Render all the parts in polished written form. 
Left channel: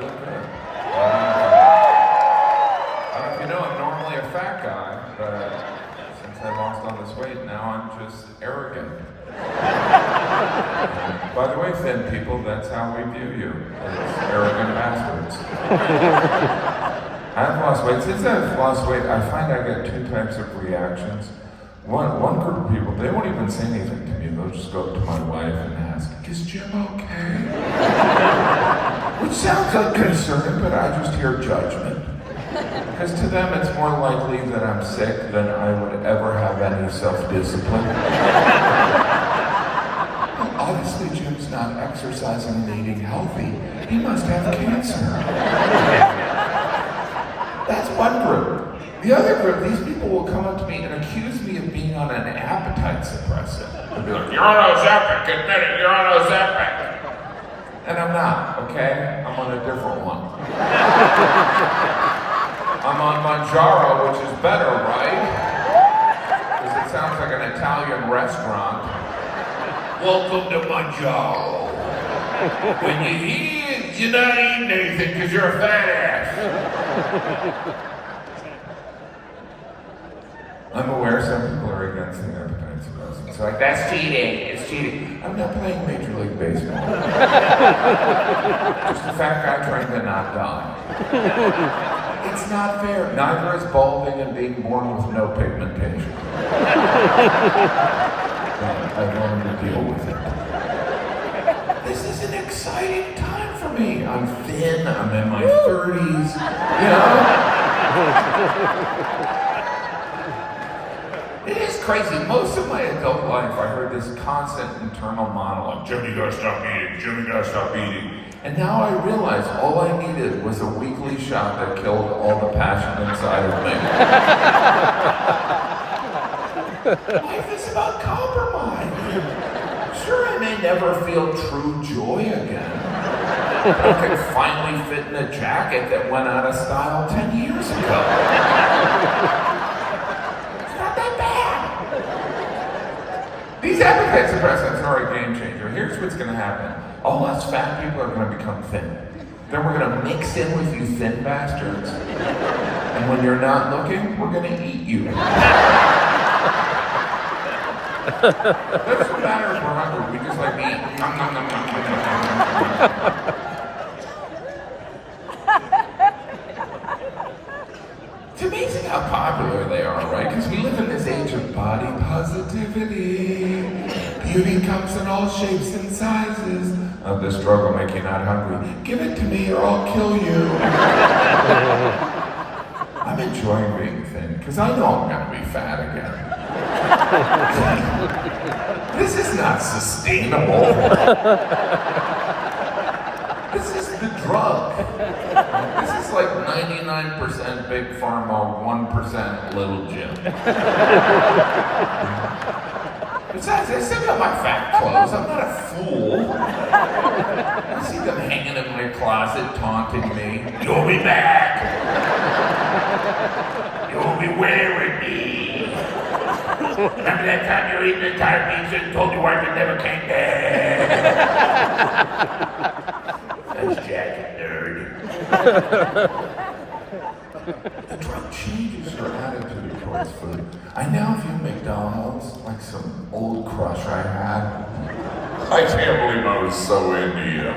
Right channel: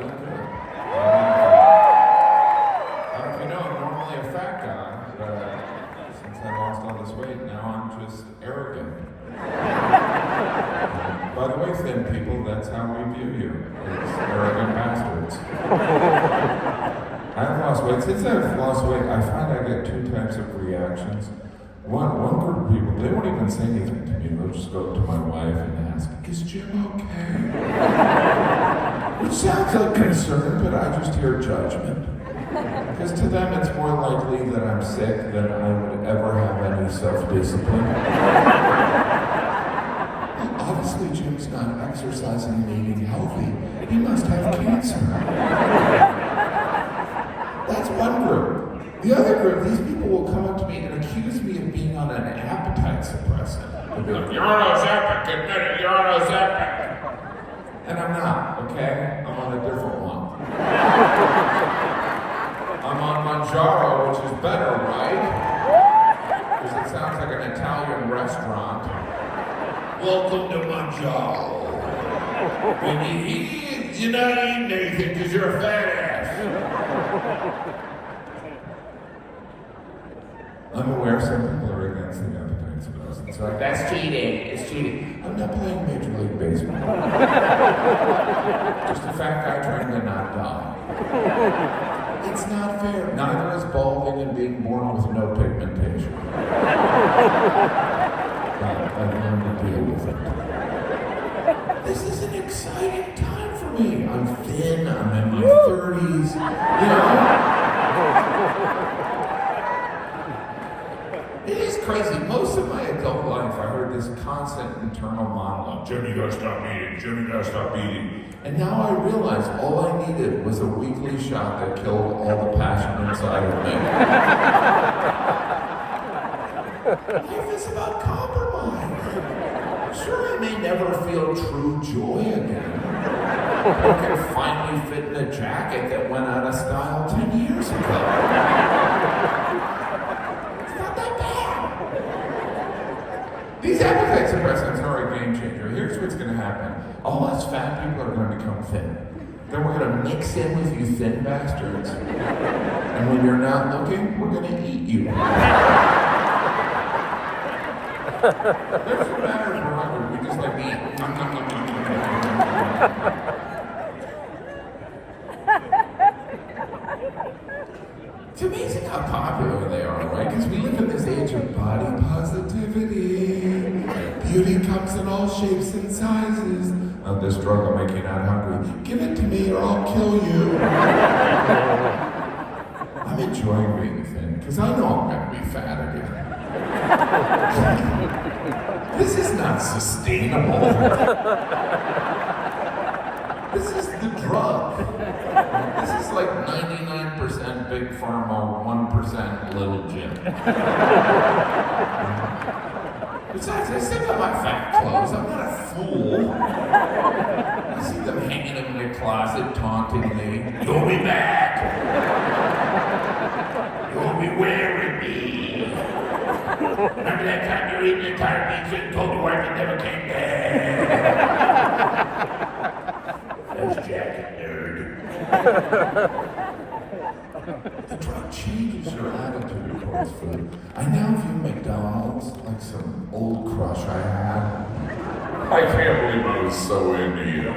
look good. I don't know if you know, I'm normally a fat guy, but since I lost all this weight, now I'm just arrogant. And by the way, thin people, that's how we view you, as arrogant bastards. I've lost weight. Since I've lost weight, I find I get two types of reactions. One group of people, they won't even say anything to me. They'll just go up to my wife and ask, "Is Jim okay?" Which sounds like concern, but I just hear judgment. Because to them, it's more likely that I'm sick than I would ever have any self-discipline. Well, obviously, Jim's not exercising and eating healthy. He must have cancer. That's one group. The other group, these people will come up to me and accuse me of being on an appetite suppressant. They'll be like, "You're on Ozempic, admit it, you're on Ozempic." And I'm not, okay? I'm on a different one. I'm on Manjaro, which is better, right? Because it sounds like an Italian restaurant. Welcome to Manjaro. When you eat, you're not eating anything because you're a fat ass. I'm aware some people are against the appetite suppressants. It's like, that's cheating, it's cheating. I'm not playing Major League Baseball. Just a fat guy trying to not die. It's not fair. Neither is balding and being born with no pigmentation. And I've learned to deal with it. This is an exciting time for me. I'm thin, I'm in my 30s, you know? It is crazy. Most of my adult life, I heard this constant internal monologue. Jimmy, you gotta stop eating. Jimmy, you gotta stop eating. And now I realize all I needed was a weekly shot that killed all the passion inside of me. Life is about compromise. Sure, I may never feel true joy again, but I can finally fit in a jacket that went out of style 10 years ago. These appetite suppressants are a game changer. Here's what's going to happen. All us fat people are going to become thin. Then we're going to mix in with you thin bastards. And when you're not looking, we're going to eat you. Doesn't matter if we're hungry. We just like to eat. It's amazing how popular they are, right? Because we live in this age of body positivity. Beauty comes in all shapes and sizes. Oh, this drug will make you not hungry. Give it to me or I'll kill you. I'm enjoying being thin, because I know I'm going to be fat again. This is not sustainable. This is the drug. This is like 99% Big Pharma, 1% Little Jim. Besides, I still got my fat clothes. I'm not a fool. I see them hanging in my closet, taunting me. You'll be back. You'll be wearing me. Remember that time you were eating entire pizza and told your wife you never came back? That's jacket nerd. The drug changes your attitude towards food. I now view McDonald's like some old crush I had. I can't believe I was so into you.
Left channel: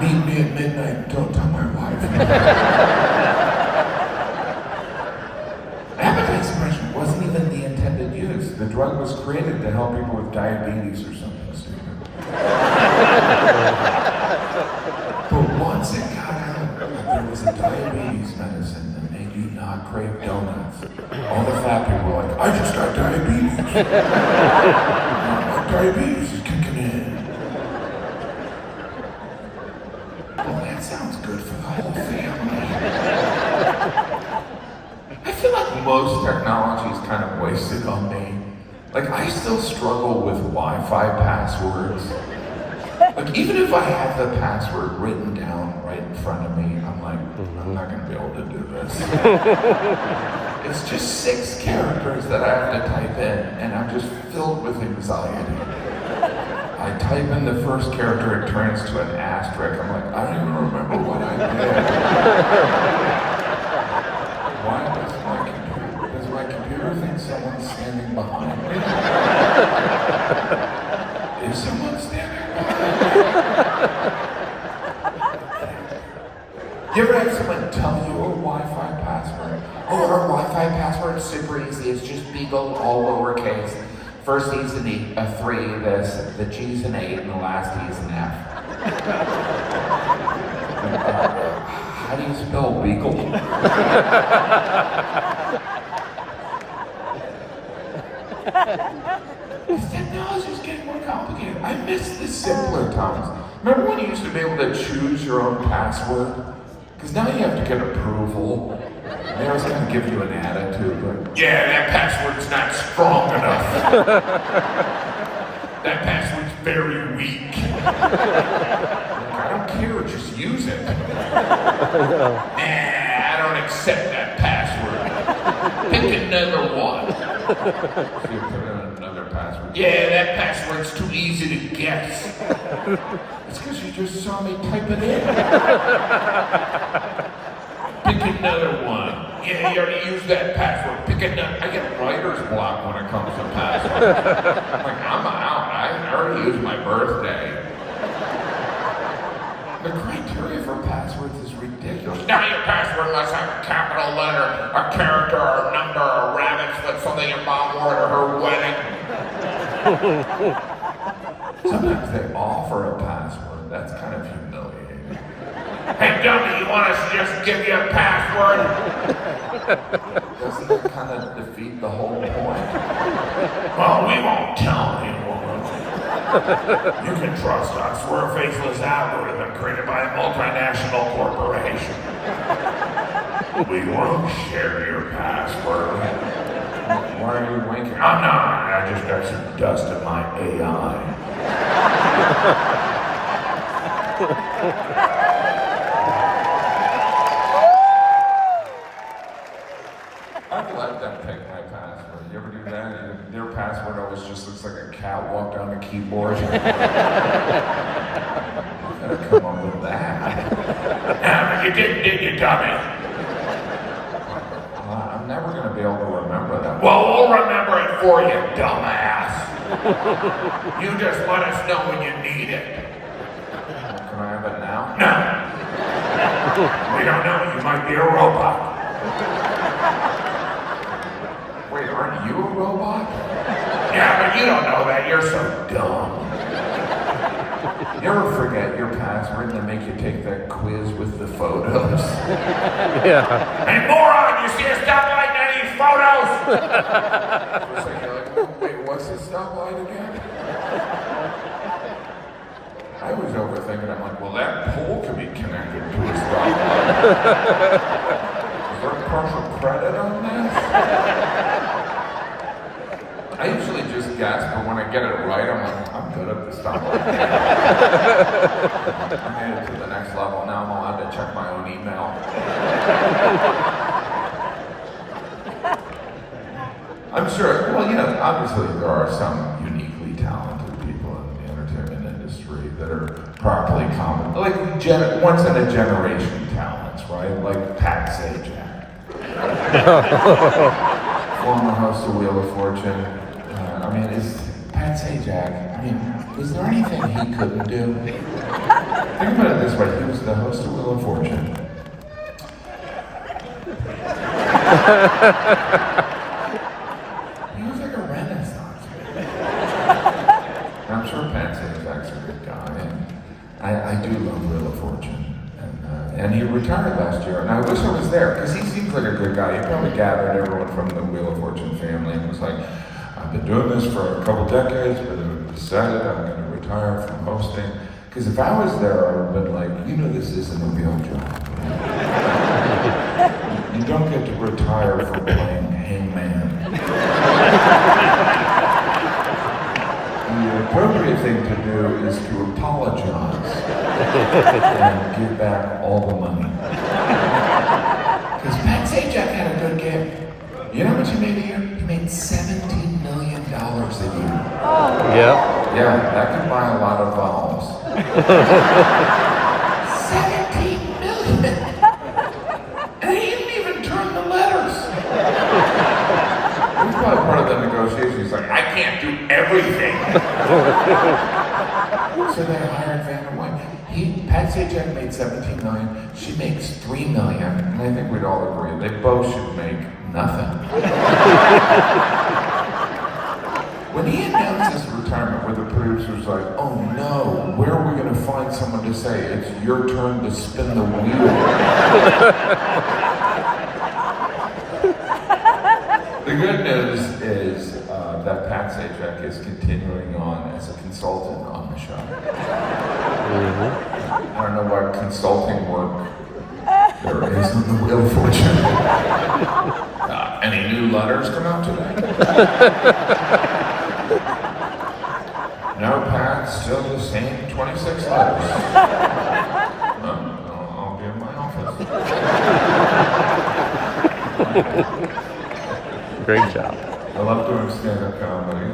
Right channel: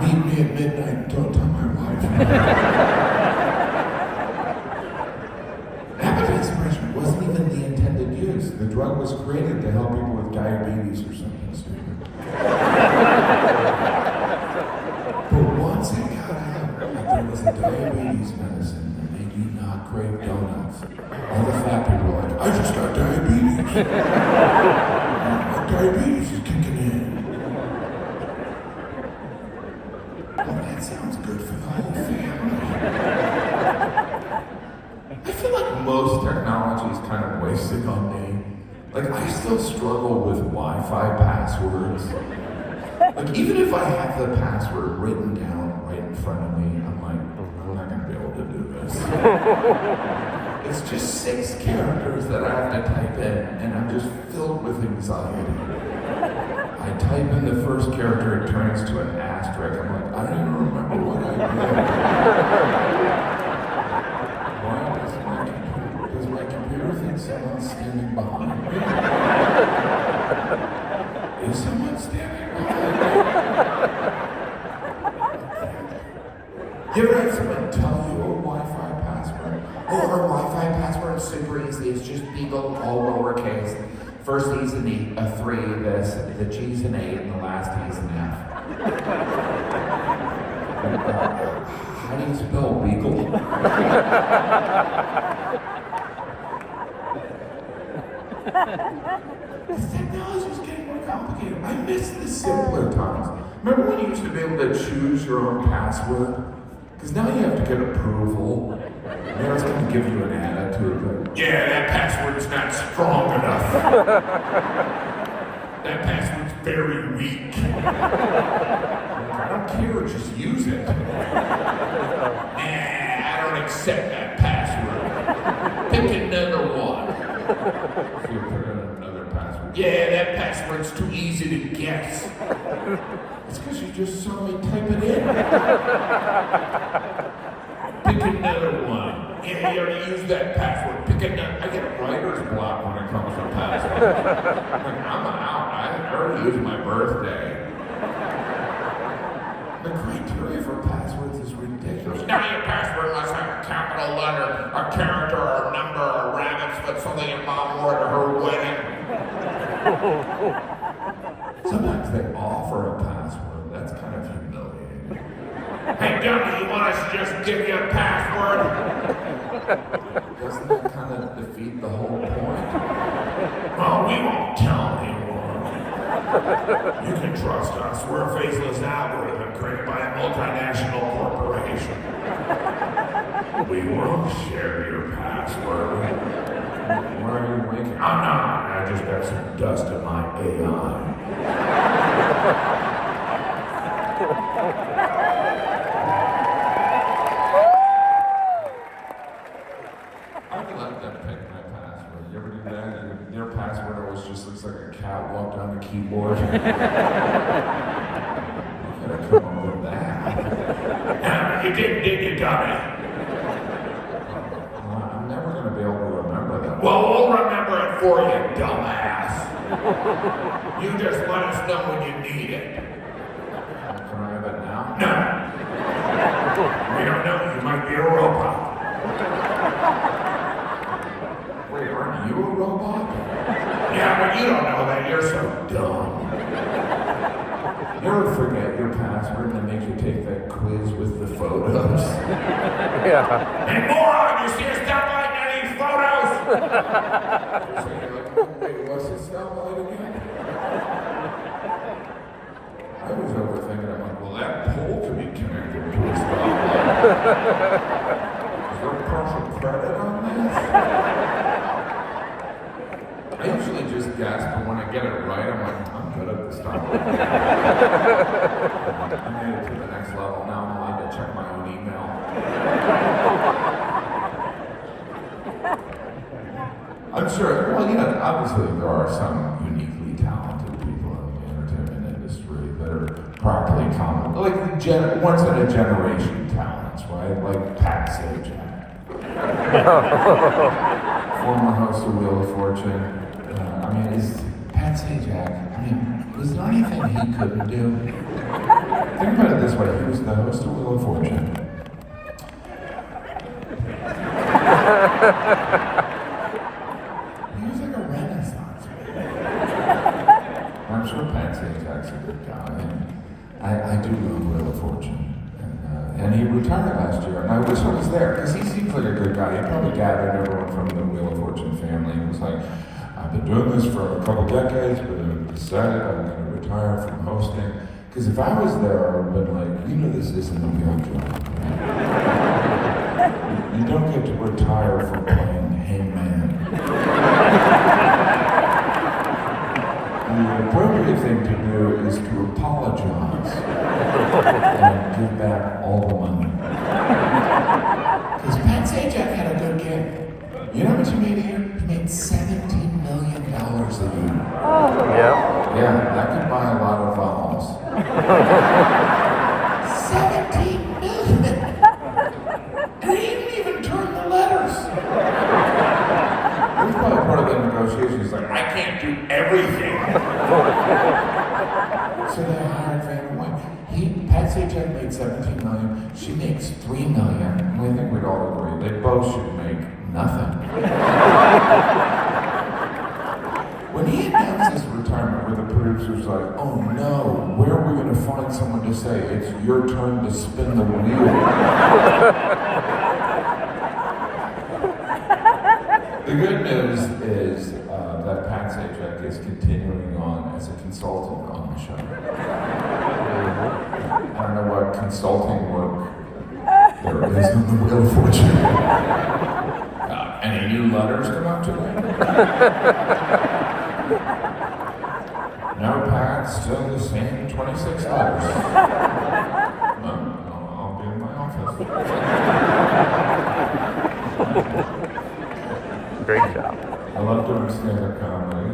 Meet me at midnight, don't tell my wife. Appetite suppression wasn't even the intended use. The drug was created to help people with diabetes or something stupid. But once it got out that there was a diabetes medicine that made you not crave donuts, all the fat people were like, I just got diabetes. My diabetes is kicking in. Oh, that sounds good for the whole family. I feel like most technology is kind of wasted on me. Like, I still struggle with Wi-Fi passwords. Like, even if I have the password written down right in front of me, I'm like, I'm not gonna be able to do this. It's just 6 characters that I have to type in, and I'm just filled with anxiety. I I type in the first character, it turns to an asterisk. I'm like, I don't even remember what I did. Why does my computer think someone's standing behind me? Is someone standing behind me? You ever have someone tell you a Wi-Fi password? Oh, our Wi-Fi password is super easy. It's just Beagle, all lowercase. First E's an E, a 3, the G's an 8, and the last E is an F. How do you spell Beagle? This technology is getting more complicated. I miss the simpler times. Remember when you used to be able to choose your own password? Because now you have to get approval. And they always kind of give you an attitude like, yeah, that password's not strong enough. That password's very weak. Like, I don't care, just use it. Nah, I don't accept that password. Pick another one. So you put in another password. Yeah, that password's too easy to guess. It's because you just saw me type it in. Pick another one. Yeah, you already used that password. Pick another. I get writer's block when it comes to passwords. I'm like, I'm out. I already used my birthday. The criteria for passwords is ridiculous. Now your password must have a capital letter, a character, or a number, or a rabbit's foot, something your mom wore to her wedding. Sometimes they offer a password. That's kind of humiliating. Hey, dummy, you want us to just give you a password? Doesn't that kind of defeat the whole point? Well, we won't tell anyone. You can trust us. We're a faceless algorithm created by a multinational corporation. We won't share your password. Why are you winking? I'm not. I just got some dust in my AI. I'd let them pick my password. You ever do that? Their password always just looks like a cat walked on a keyboard. I gotta come up with that. Yeah, but you didn't, did you, dummy? I'm never gonna be able to remember that. Well, we'll remember it for you, dumbass. You just let us know when you need it. Well, can I have it now? No. We don't know. You might be a robot. Wait, aren't you a robot? Yeah, but you don't know that. You're so dumb. You ever forget your password and then make you take that quiz with the photos? Yeah. Hey, moron! You see a stoplight and any photos? For a second, you're like, wait, what's this stoplight again? I was overthinking. I'm like, well, that pole can be connected to a stoplight. Is there partial credit on this? I usually just guess, but when I get it right, I'm like, I'm good at the stoplight. I made it to the next level. Now I'm allowed to check my own email. I'm sure, well, yeah, obviously there are some uniquely talented people in the entertainment industry that are properly common, like once in a generation talents, right? Like Pat Sajack. Former host of Wheel of Fortune. I mean, is Pat Sajack, was there anything he couldn't do? Think about it this way, he was the host of Wheel of Fortune. He was like a renaissance man. I'm sure Pat Sajak's a good guy, and I do love Wheel of Fortune. And he retired last year, and I wish I was there, because he seems like a good guy. He probably gathered everyone from the Wheel of Fortune family and was like, I've been doing this for a couple decades, but I've decided I'm going to retire from hosting. Because if I was there, I would have been like, this isn't a real job. You don't get to retire from playing hangman. The appropriate thing to do is to apologize and give back all the money. Because Pat Sajack had a good gig. You know how much he made a year? He made $17 million a year. Yeah. Yeah, that could buy a lot of vowels. 17 million! And he didn't even turn the letters. It was probably part of the negotiation. He's like, I can't do everything. So they hired Vanna White. Pat Sajack made $17 million. She makes $3 million. And I think we'd all agree they both should make nothing. When he announced his retirement, where the producers were like, oh no, where are we going to find someone to say, it's your turn to spin the wheel? The good news is that Pat Sajack is continuing on as a consultant on the show. I don't know what consulting work there is in the Wheel of Fortune. Any new letters come out today? No, Pat, still the same 26 letters. Well, I'll be in my office. Great job. I love doing stand-up comedy.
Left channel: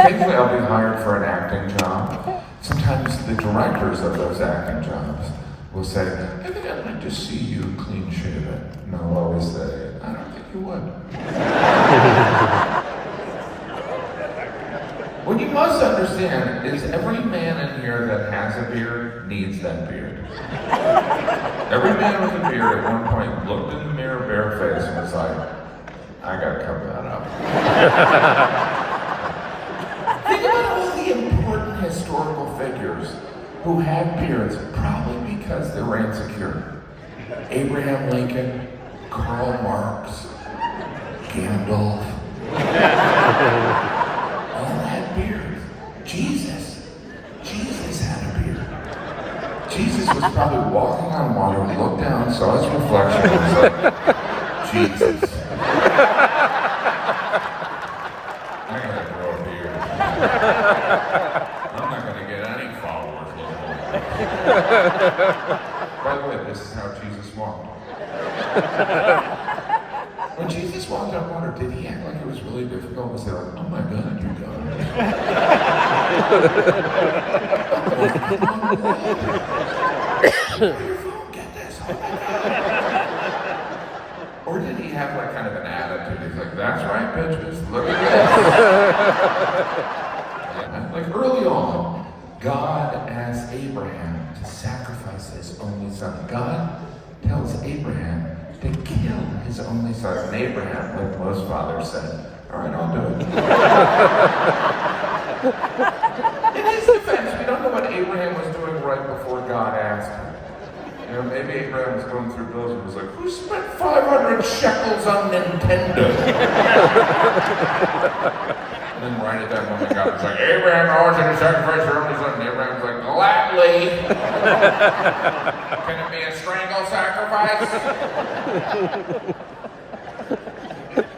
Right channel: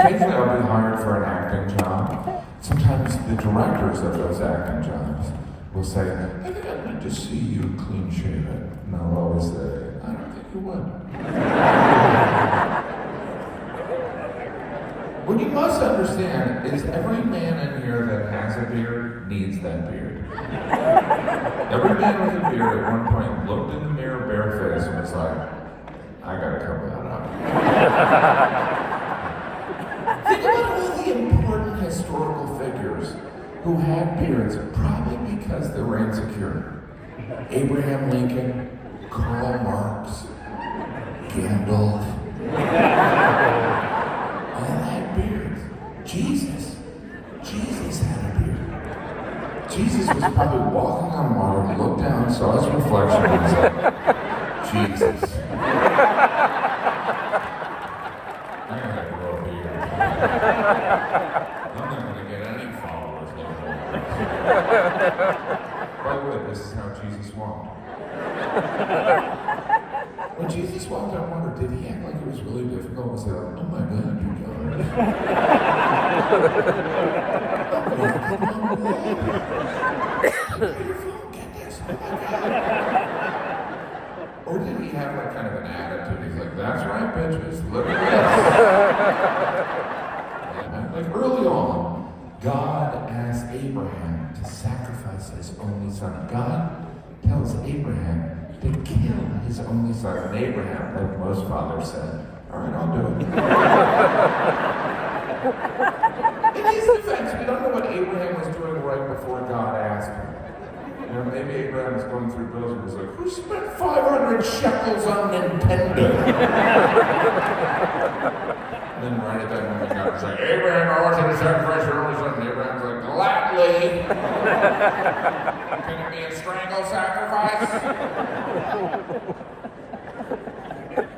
Occasionally I'll be hired for an acting job. Sometimes the directors of those acting jobs will say, I think I'd like to see you clean shaven. And I'll always say, I don't think you would. What you must understand is every man in here that has a beard needs that beard. Every man with a beard at one point looked in the mirror barefaced and was like, I gotta cover that up. Think about all the important historical figures who had beards, probably because they were insecure. Abraham Lincoln, Karl Marx, Gandalf, all had beards. Jesus had a beard. Jesus was probably walking on water, looked down, saw his reflection, and was like, Jesus. I gotta grow a beard. I'm not gonna get any followers looking like this. By the way, this is how Jesus walked. When Jesus walked on water, did he act like it was really difficult? Was he like, oh my God, you guys. I'm walking on water. Your phone, get this. Oh my God. Or did he have like kind of an attitude? He's like, that's right, bitches, look at this. Yeah, like early on, God asked Abraham to sacrifice his only son. God tells Abraham to kill his only son. And Abraham, like most fathers, said, all right, I'll do it. In his defense, we don't know what Abraham was doing right before God asked him. You know, maybe Abraham was going through bills and was like, who spent 500 shekels on Nintendo? And then right at that moment, God was like, Abraham, I want you to sacrifice your only son. And Abraham's like, gladly. Can it be a strangle sacrifice?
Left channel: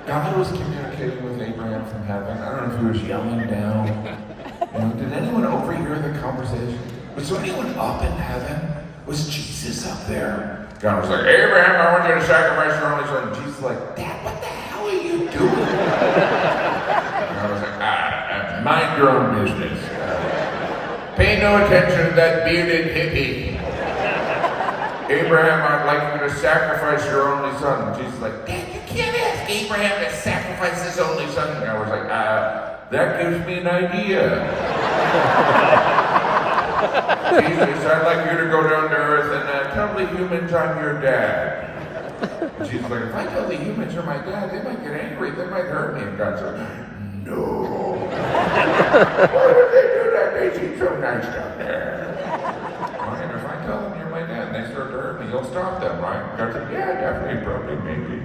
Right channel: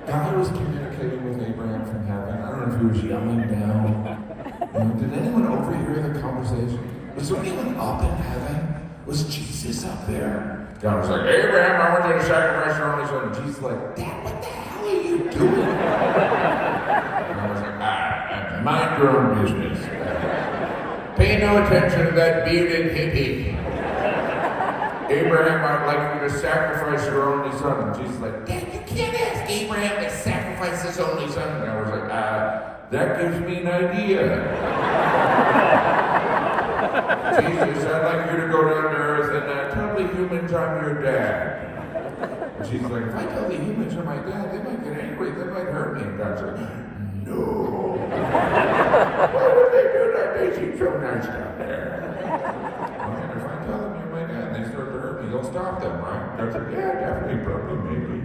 God was communicating with Abraham from heaven. I don't know if he was yelling down. You know, did anyone overhear the conversation? Was there anyone up in heaven? Was Jesus up there? God was like, Abraham, I want you to sacrifice your only son. And Jesus was like, Dad, what the hell are you doing? And I was like, mind your own business. Pay no attention to that bearded hippie. Abraham, I'd like you to sacrifice your only son. And Jesus was like, Dad, you can't ask Abraham to sacrifice his only son. And I was like, that gives me an idea. Jesus, I'd like you to go down to earth and tell the humans I'm your dad. And she's like, if I tell the humans you're my dad, they might get angry, they might hurt me. And God's like, no. Why did they do that? They seem so nice down there. Right, if I tell them you're my dad and they start to hurt me, you'll stop them, right? God's like, yeah, definitely, probably, maybe.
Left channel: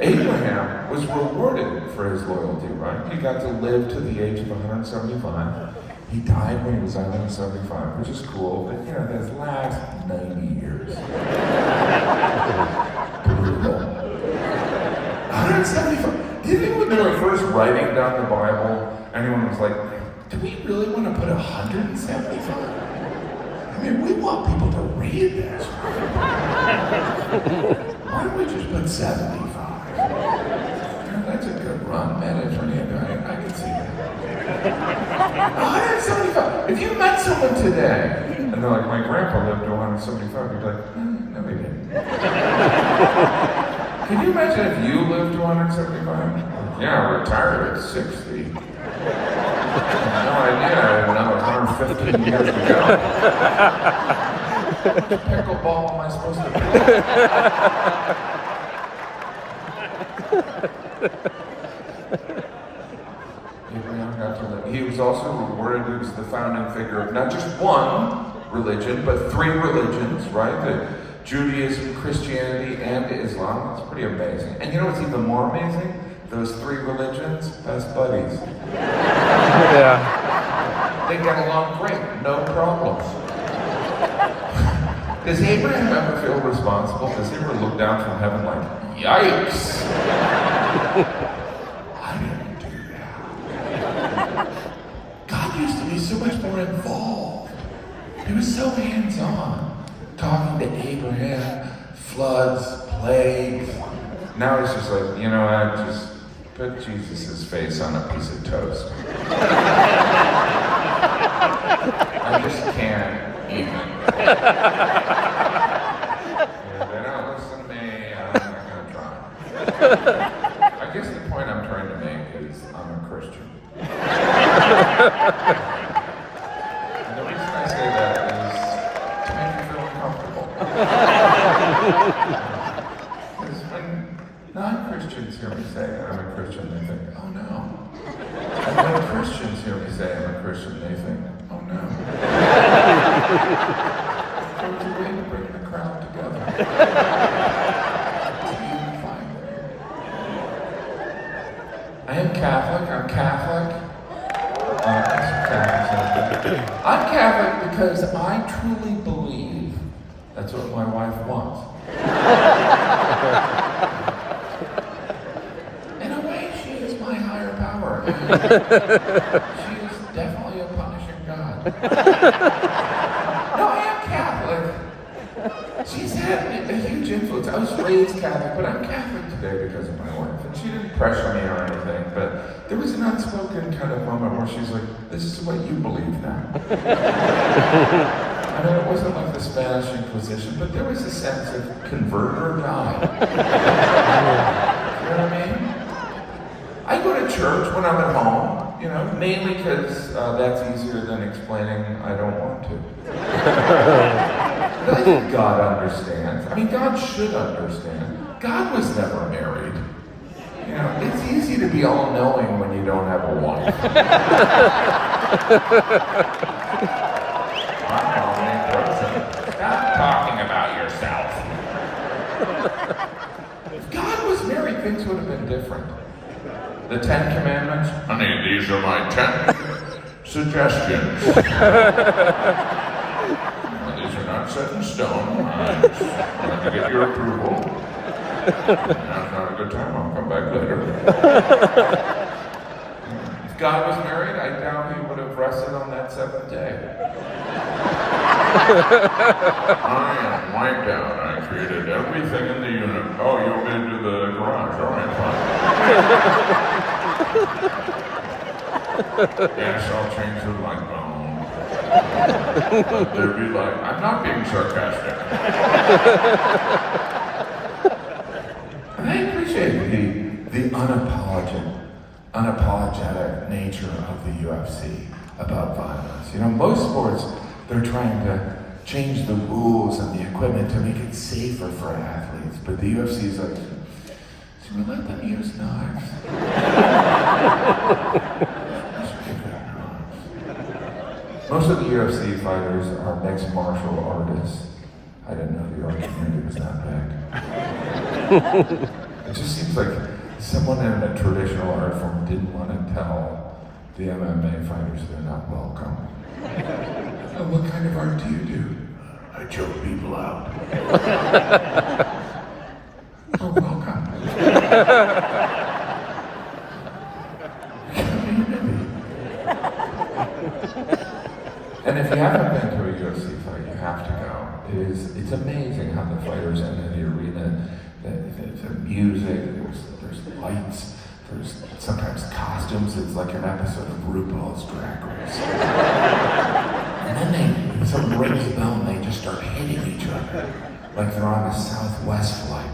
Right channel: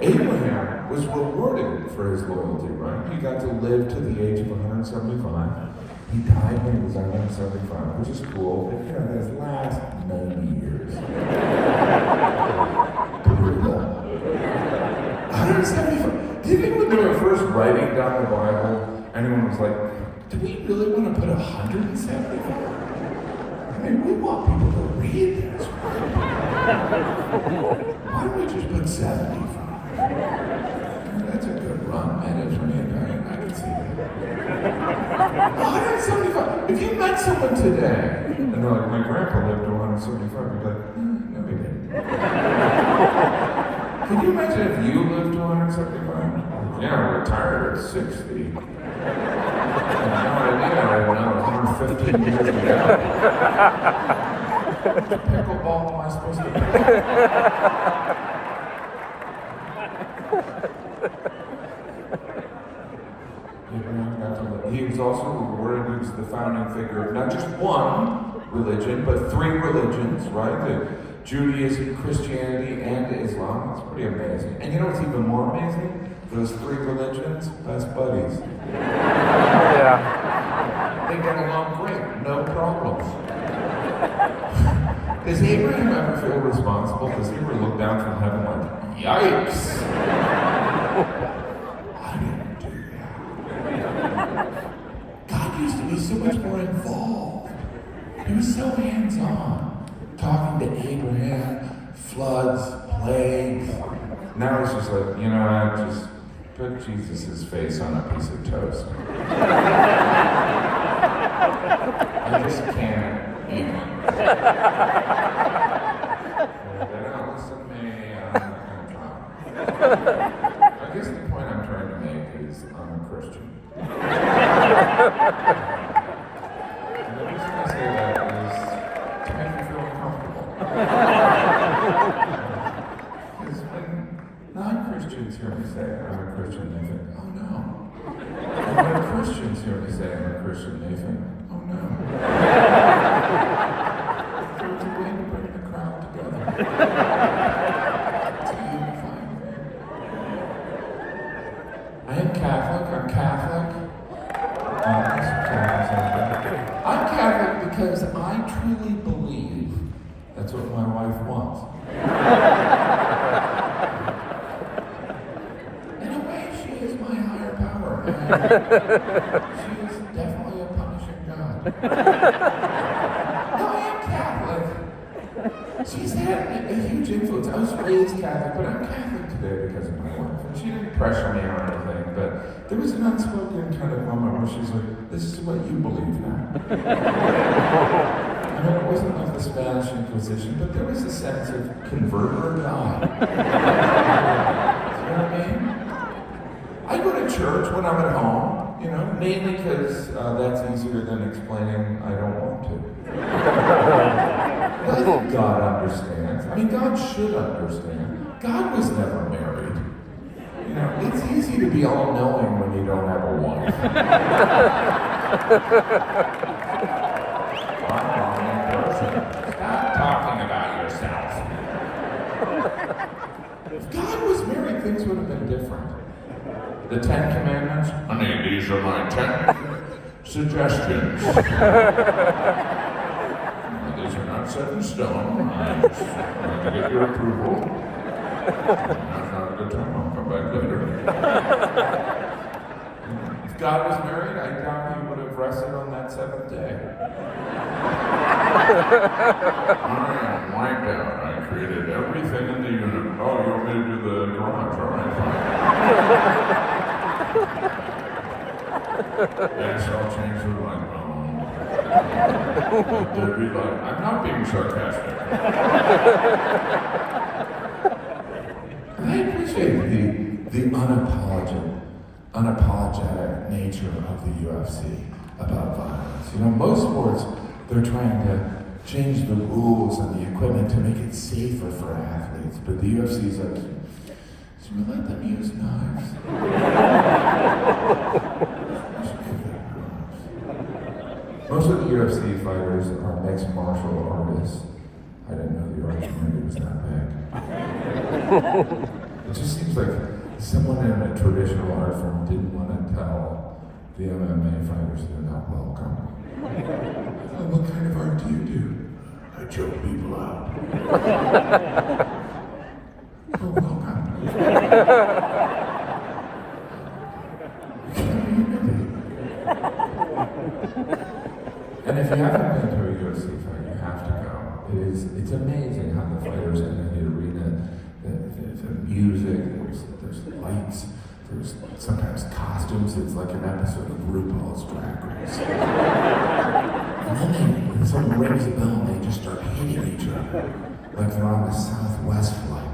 Abraham was rewarded for his loyalty, right? He got to live to the age of 175. He died when he was 175, which is cool, but you know, his last 90 years. Brutal. 175. Do you think when they were first writing down the Bible, anyone was like, do we really want to put 175? I mean, we want people to read this. why don't we just put 75? That's a good run, Mediterranean. I can see that. 175. If you met someone today, and they're like, my grandpa lived to 175, you'd be like, no, he didn't. Can you imagine if you lived to 175? Yeah, retired at 60. I had no idea I had another 115 years to go. How much pickleball am I supposed to play? Abraham got to live. He was also rewarded. He was the founding figure of not just one religion, but 3 religions, right? The Judaism, Christianity, and Islam. That's pretty amazing. And you know what's even more amazing? Those 3 religions, best buddies. Yeah. They get along great, no problems. Does Abraham ever feel responsible? Does he ever look down from heaven like, yikes? I didn't do that. God used to be so much more involved. He was so hands-on, talking to Abraham, floods, plagues. Now he's just like, you know, I just put Jesus' face on a piece of toast. I just can't even. Yeah, they don't listen to me, I'm not gonna try. I guess the point I'm trying to make is I'm a Christian. And the reason I say that is to make you feel uncomfortable. Because when non-Christians hear me say I'm a Christian, they think, oh no. And when Christians hear me say I'm a Christian, they think, oh no. So it's a way to bring the crowd together. To unify them. I am Catholic. I'm Catholic. I'm Catholic because I truly believe that's what my wife wants. In a way, she is my higher power. And she is definitely a punishing God. No, I am Catholic. She's had a huge influence. I was raised Catholic, but I'm Catholic today because of my wife. And she didn't pressure me or anything, but there was an unspoken kind of moment where she's like, this is what you believe now. I mean, it wasn't like the Spanish Inquisition, but there was a sense of convert or die. You know what I mean? I go to church when I'm at home, you know, mainly because that's easier than explaining I don't want to. But I think God understands. I mean, God should understand. God was never married. You know, it's easy to be all-knowing when you don't have a wife. I'm omnipresent. Stop talking about yourself. If God was married, things would have been different. The 10 Commandments, honey, these are my 10 suggestions. These are not set in stone. I just wanted to get your approval. Now's not a good time. I'll come back later. If God was married, I doubt he would have rested on that 7th day. I am wiped out. I created everything in the universe. Oh, you want me to do the garage? All right, fine. Yes, I'll change the light bulb. Let there be light. I'm not being sarcastic. And I appreciate the unapologetic nature of the UFC about violence. You know, most sports, they're trying to change the rules and the equipment to make it safer for athletes. But the UFC is like, should we let them use knives? Most of the UFC fighters are mixed martial artists. I didn't know the art community was that big. It just seems like someone in a traditional art form didn't want to tell the MMA fighters they're not welcome. Oh, what kind of art do you do? I choke people out. Oh, welcome. And if you haven't been to a UFC fight, you have to go. It's amazing how the fighters enter the arena. the music, there's lights, there's sometimes costumes. It's like an episode of RuPaul's Drag Race. And then someone rings a bell and they just start hitting each other like they're on a Southwest flight.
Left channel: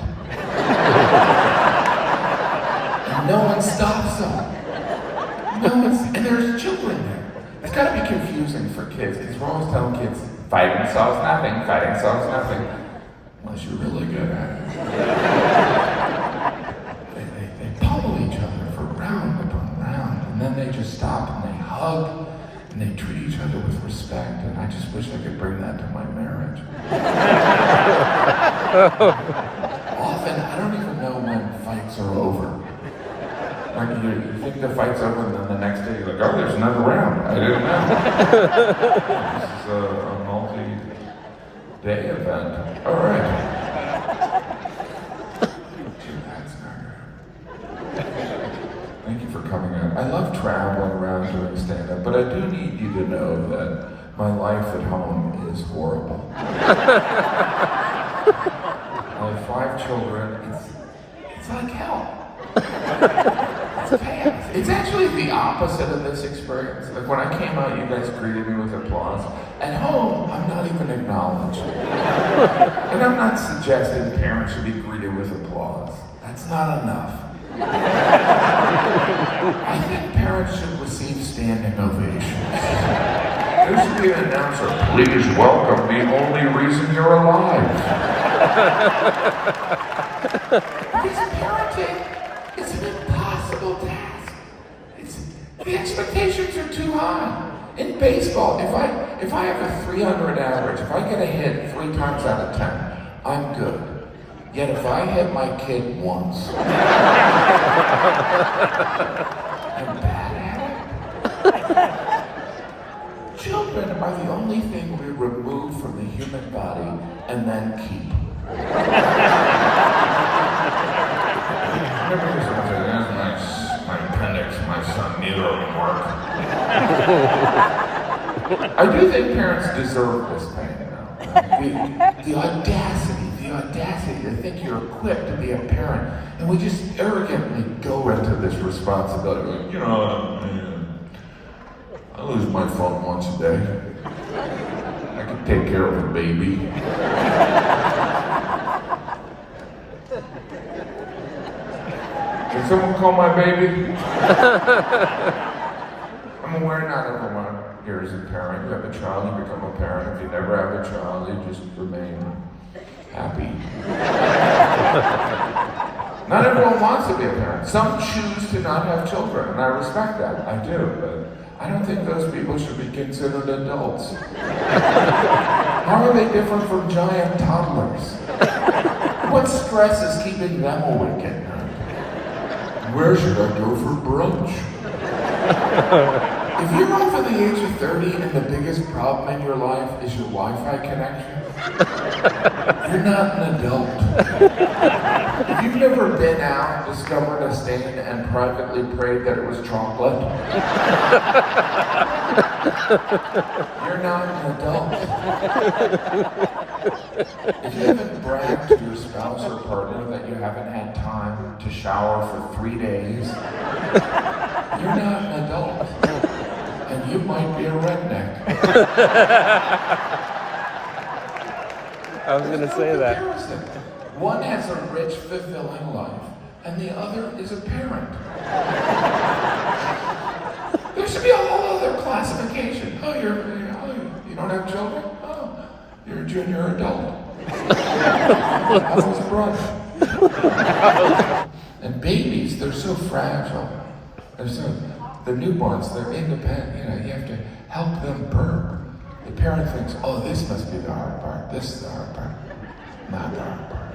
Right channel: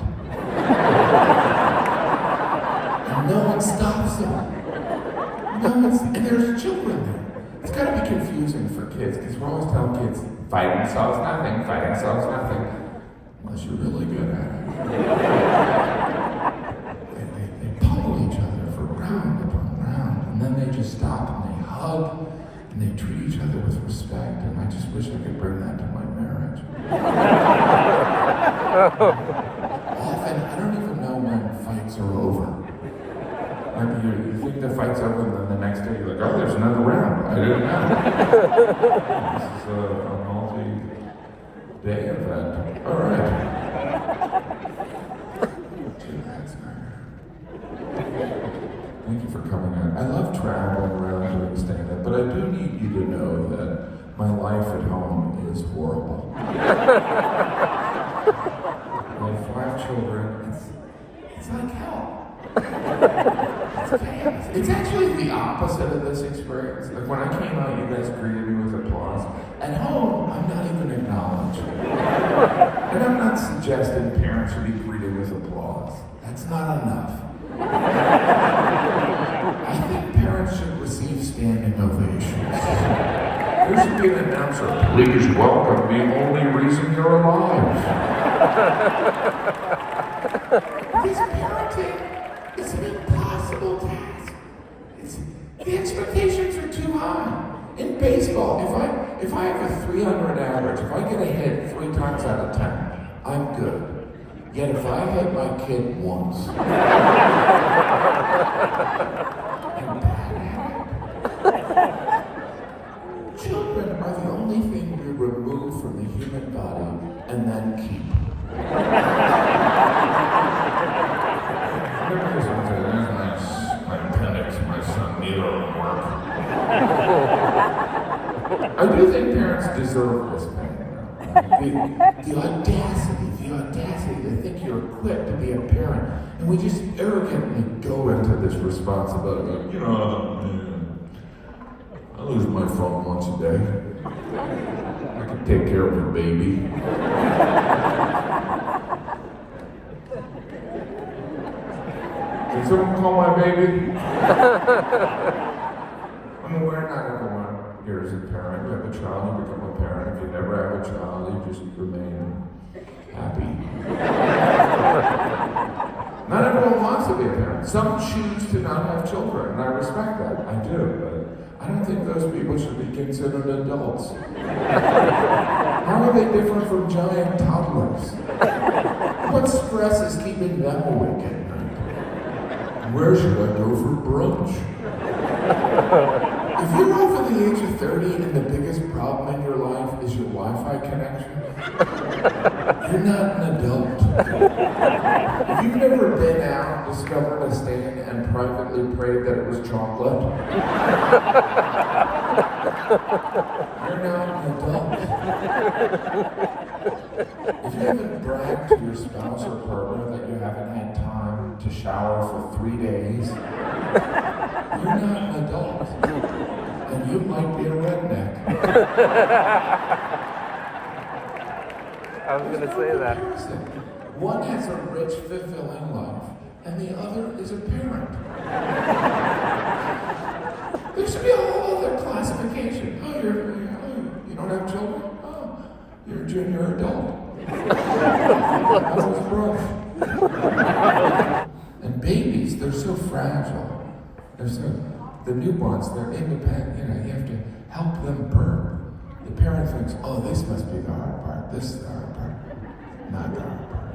And no one stops them. And there's children there. It's gotta be confusing for kids, because we're always telling kids, fighting solves nothing, unless you're really good at it. They pummel each other for round upon round, and then they just stop and they hug, and they treat each other with respect, and I just wish I could bring that to my marriage. Often, I don't even know when fights are over. Like you think the fight's over, and then the next day you're like, oh, there's another round. I didn't know. This is a multi-day event. All right. Thank you for coming out. I love traveling around doing stand-up, but I do need you to know that my life at home is horrible. I have 5 children. It's like hell. It's chaos. It's actually the opposite of this experience. Like when I came out, you guys greeted me with applause. At home, I'm not even acknowledged. And I'm not suggesting parents should be greeted with applause. That's not enough. I think parents should receive standing ovations. There should be an announcer. Please welcome the only reason you're alive. Because parenting is an impossible task. The expectations are too high. In baseball, if I have a 300 average, if I get a hit 3 times out of 10, I'm good. Yet if I hit my kid once, I'm bad at it. Children are the only thing we remove from the human body and then keep. Remember someone said, there's my appendix, my son, neither of them work. I do think parents deserve this pain now. The audacity to think you're equipped to be a parent, and we just arrogantly go into this responsibility. Like, I lose my phone once a day. I can take care of a baby. Can someone call my baby? I'm aware not everyone here is a parent. You have a child, you become a parent. If you never have a child, you just remain happy. Not everyone wants to be a parent. Some choose to not have children, and I respect that. I do, but I don't think those people should be considered adults. How are they different from giant toddlers? What stress is keeping them awake at night? Where should I go for brunch? If you're over the age of 30 and the biggest problem in your life is your Wi-Fi connection, you're not an adult. If you've never been out, discovered a stain, and privately prayed that it was chocolate, you're not an adult. If you haven't bragged to your spouse or partner that you haven't had time to shower for 3 days, you're not an adult. And you might be a redneck. I was going to say that. One has a rich, fulfilling life, and the other is a parent. There should be a whole other classification. Oh, you don't have children? Oh, you're a junior adult. That was brunch. And babies, they're so fragile. The newborns, they're independent. You have to help them burp. The parent thinks, oh, this must be the hard part. This is the hard part. Not the hard part.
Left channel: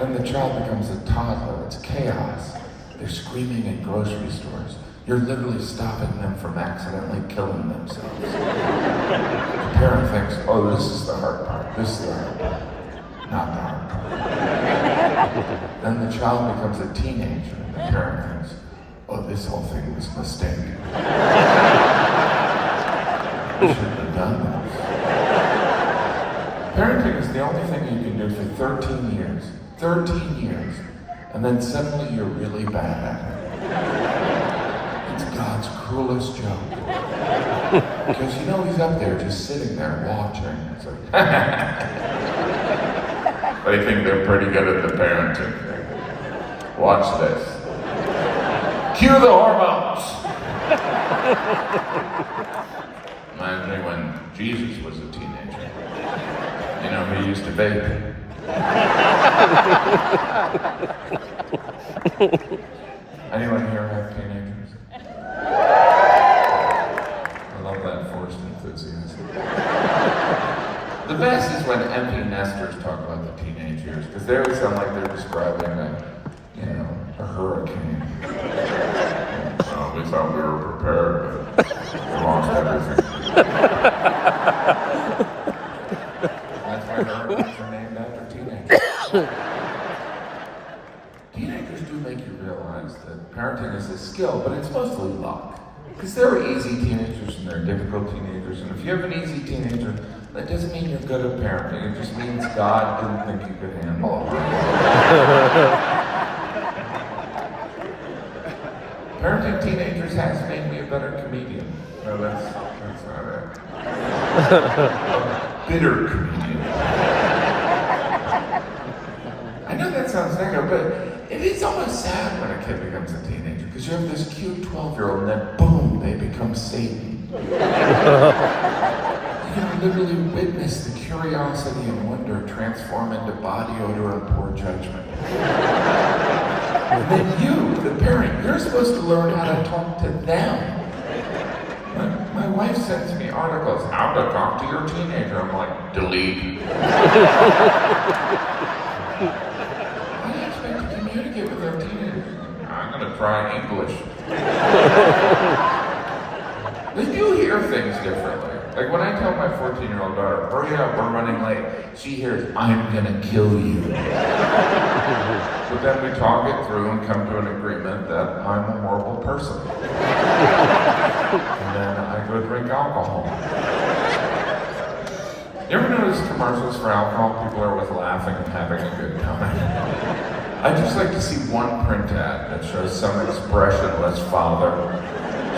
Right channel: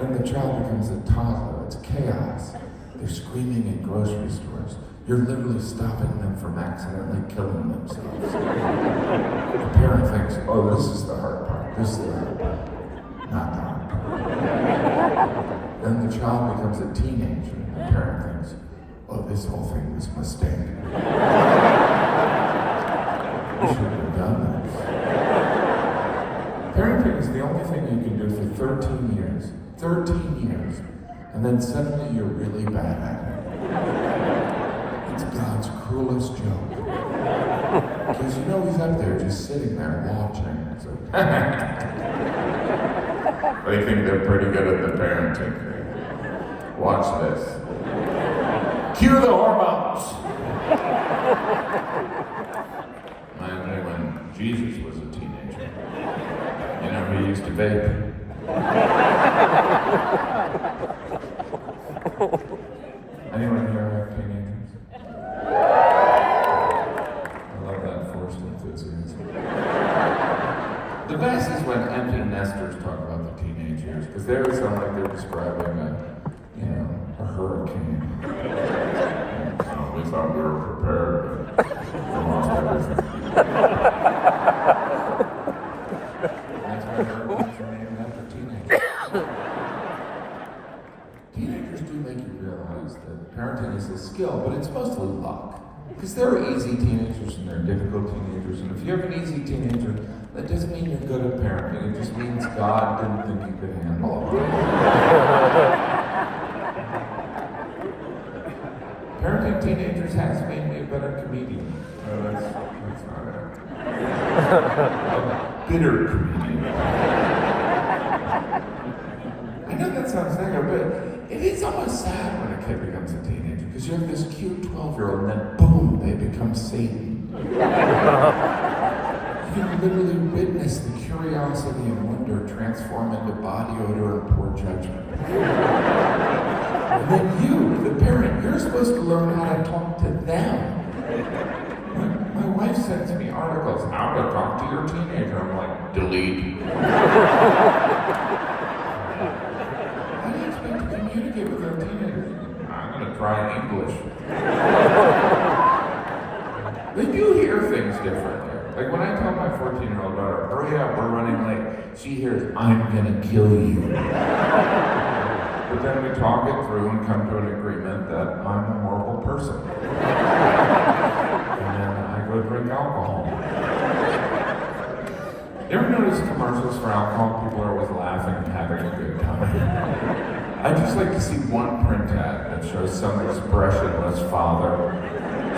Then the child becomes a toddler. It's chaos. They're screaming in grocery stores. You're literally stopping them from accidentally killing themselves. The parent thinks, oh, this is the hard part. This is the hard part. Not the hard part. Then the child becomes a teenager, and the parent thinks, oh, this whole thing was a mistake. We shouldn't have done this. Parenting is the only thing you can do for 13 years 13 years, and then suddenly you're really bad. It's God's cruelest joke. Because you know he's up there just sitting there watching. It's like, they think they're pretty good at the parenting thing. Watch this. Cue the hormones! Reminds me when Jesus was a teenager. You know, he used to vape. Anyone here have teenagers? I love that forced enthusiasm. The best is when empty nesters talk about the teenage years, because they always sound like they're describing a hurricane. Well, we thought we were prepared, but we lost everything. That's why hurricanes are named after teenagers. Teenagers do make you realize that parenting is a skill, but it's mostly luck. Because there are easy teenagers and there are difficult teenagers, and if you have an easy teenager, that doesn't mean you're good at parenting. It just means God didn't think you could handle a hard one. Parenting teenagers has made me a better comedian. No, that's not it. A bitter comedian. I know that sounds negative, but it is almost sad when a kid becomes a teenager, because you have this cute 12-year-old and then boom, they become Satan. You can literally witness the curiosity and wonder transform into body odor and poor judgment. And then you, the parent, you're supposed to learn how to talk to them. My wife sends me articles, how to talk to your teenager. I'm like, delete. How do you expect to communicate with our teenagers? I'm going to try English. They do hear things differently. Like when I tell my 14-year-old daughter, hurry up, we're running late, she hears, I'm gonna kill you. But then we talk it through and come to an agreement that I'm a horrible person. And then I go drink alcohol. You ever notice commercials for alcohol? People are always laughing and having a good time. I just like to see one print ad that shows some expressionless father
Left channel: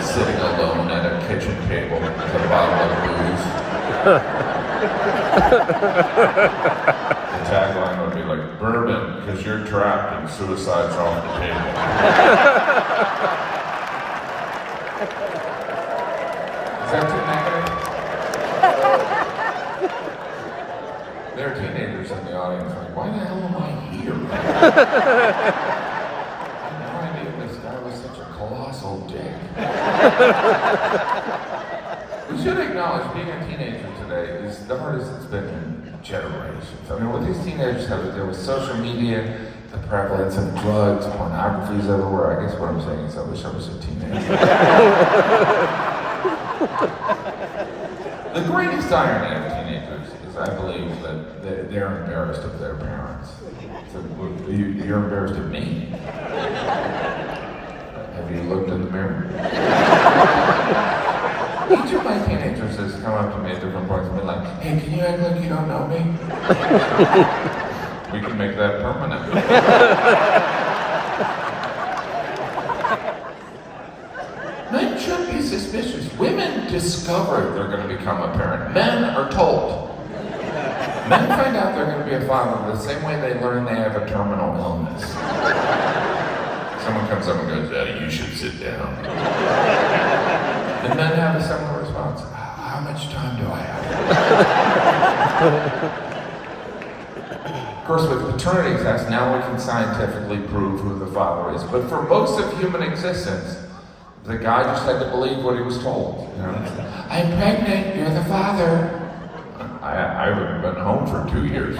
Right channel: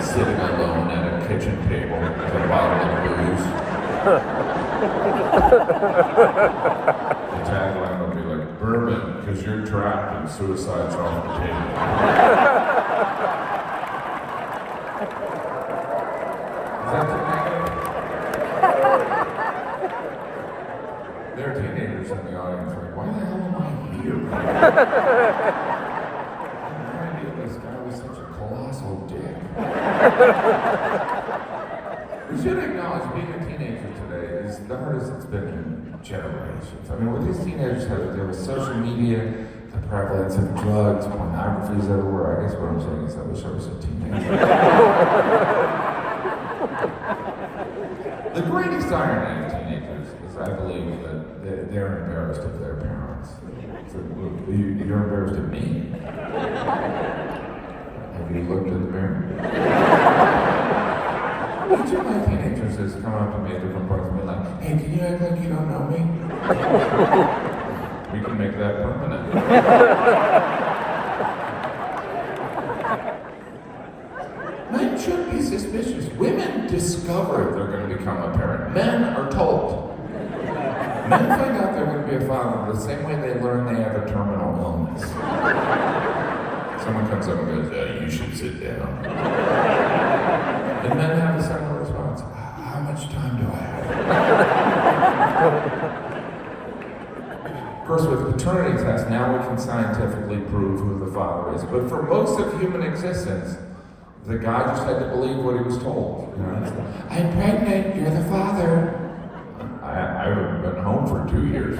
sitting alone at a kitchen table with a bottle of booze. The tagline would be like, bourbon, because you're trapped and suicide's off the table. Is that too negative? There are teenagers in the audience like, why the hell am I here? This guy was such a colossal dick. We should acknowledge being a teenager today is the hardest it's been in generations. I mean, what these teenagers have to deal with social media, the prevalence of drugs, pornography is everywhere. I guess what I'm saying is I wish I was a teenager. The greatest irony of teenagers is I believe that they're embarrassed of their parents. So, you're embarrassed of me? Have you looked in the mirror? Each of my teenagers has come up to me at different points and been like, hey, can you act like you don't know me? We can make that permanent. Men should be suspicious. Women discover they're going to become a parent. Men are told. Men find out they're going to be a father the same way they learn they have a terminal illness. Someone comes up and goes, you should sit down. And men have a similar response. How much time do I have? Of course, with paternity tests, now we can scientifically prove who the father is. But for most of human existence, the guy just had to believe what he was told. You know, I'm pregnant, you're the father. I haven't been home for 2 years.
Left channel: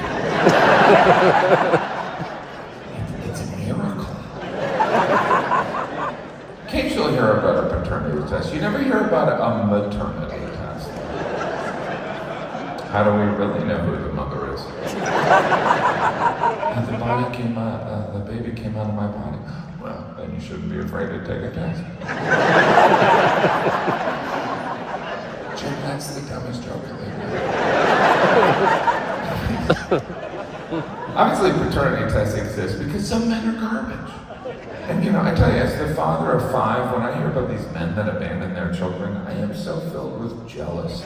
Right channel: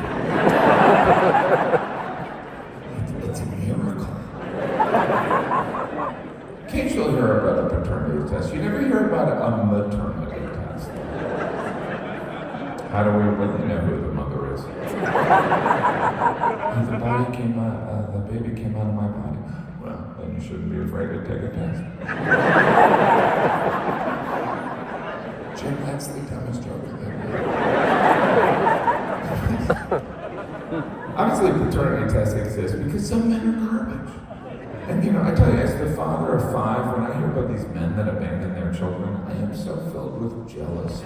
It's a miracle. Occasionally hear about a paternity test. You never hear about a maternity test. How do we really know who the mother is? The baby came out of my body. Well, then you shouldn't be afraid to take a test. Jim, that's the dumbest joke of the day. Obviously, paternity tests exist because some men are garbage. And you know, I tell you, as the father of 5, when I hear about these men that abandon their children, I am so filled with jealousy.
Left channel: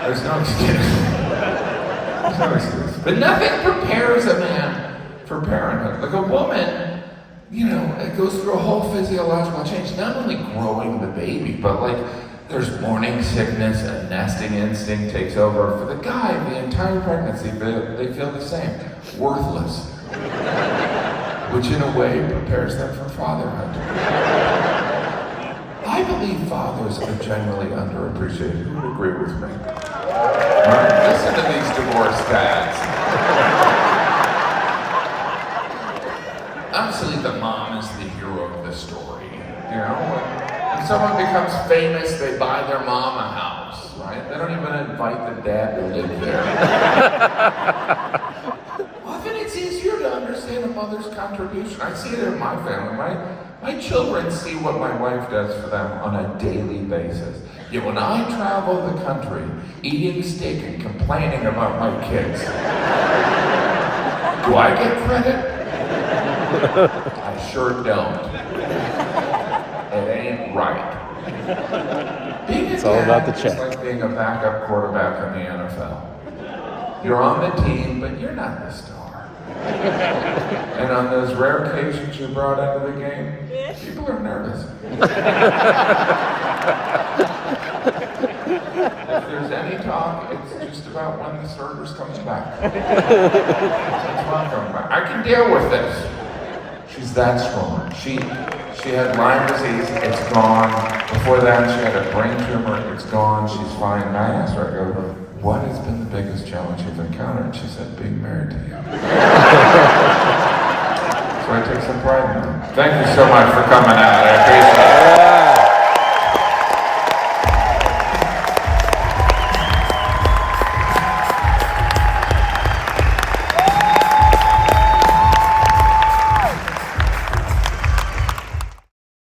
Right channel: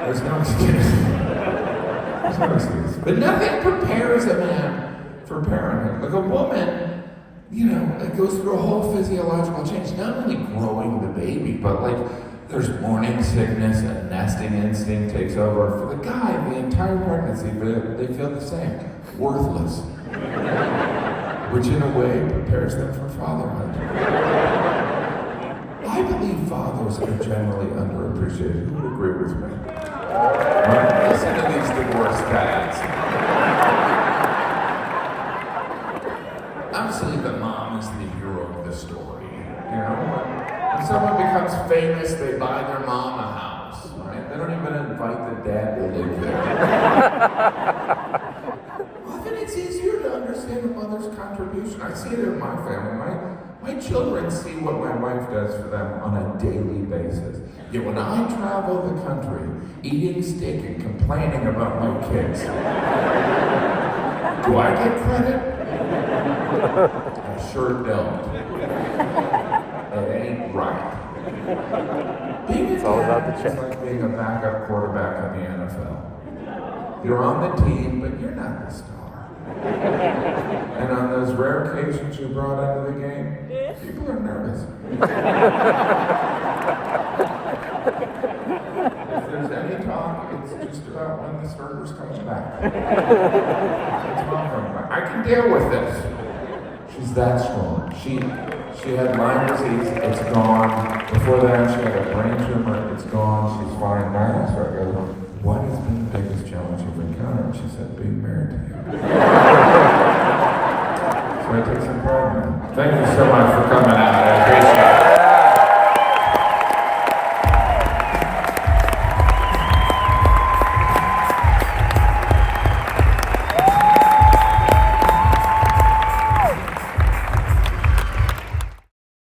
There's no excuse. There's no excuse. But nothing prepares a man for parenthood. Like a woman, you know, it goes through a whole physiological change. Not only growing the baby, but like there's morning sickness, a nesting instinct takes over. For the guy, the entire pregnancy, they feel the same. Worthless. Which in a way prepares them for fatherhood. I believe fathers are generally underappreciated. Who would agree with me? Right? Listen to these divorced dads. Obviously, the mom is the hero of the story. You know, when someone becomes famous, they buy their mom a house, right? They don't even invite the dad to live there. Often it's easier to understand a mother's contribution. I see it in my family. My children see what my wife does for them on a daily basis. Yet when I travel the country, eating steak and complaining about my kids, do I get credit? I sure don't. It ain't right. Being a dad is like being a backup quarterback in the NFL. You're on the team, but you're not the star. And on those rare occasions you're brought into the game, people are nervous. If there's any talk, it's just about when the starter's coming back. It's mom coming back. I can deal with this. She's that strong. She had Lyme disease, it's gone. Before that, she had a brain tumor, it's gone, she's fine. And I asked her, I go, what has been the biggest challenge you've encountered? And she said, being married to you. So I take some pride in that. Thank you so much for coming out. I appreciate it.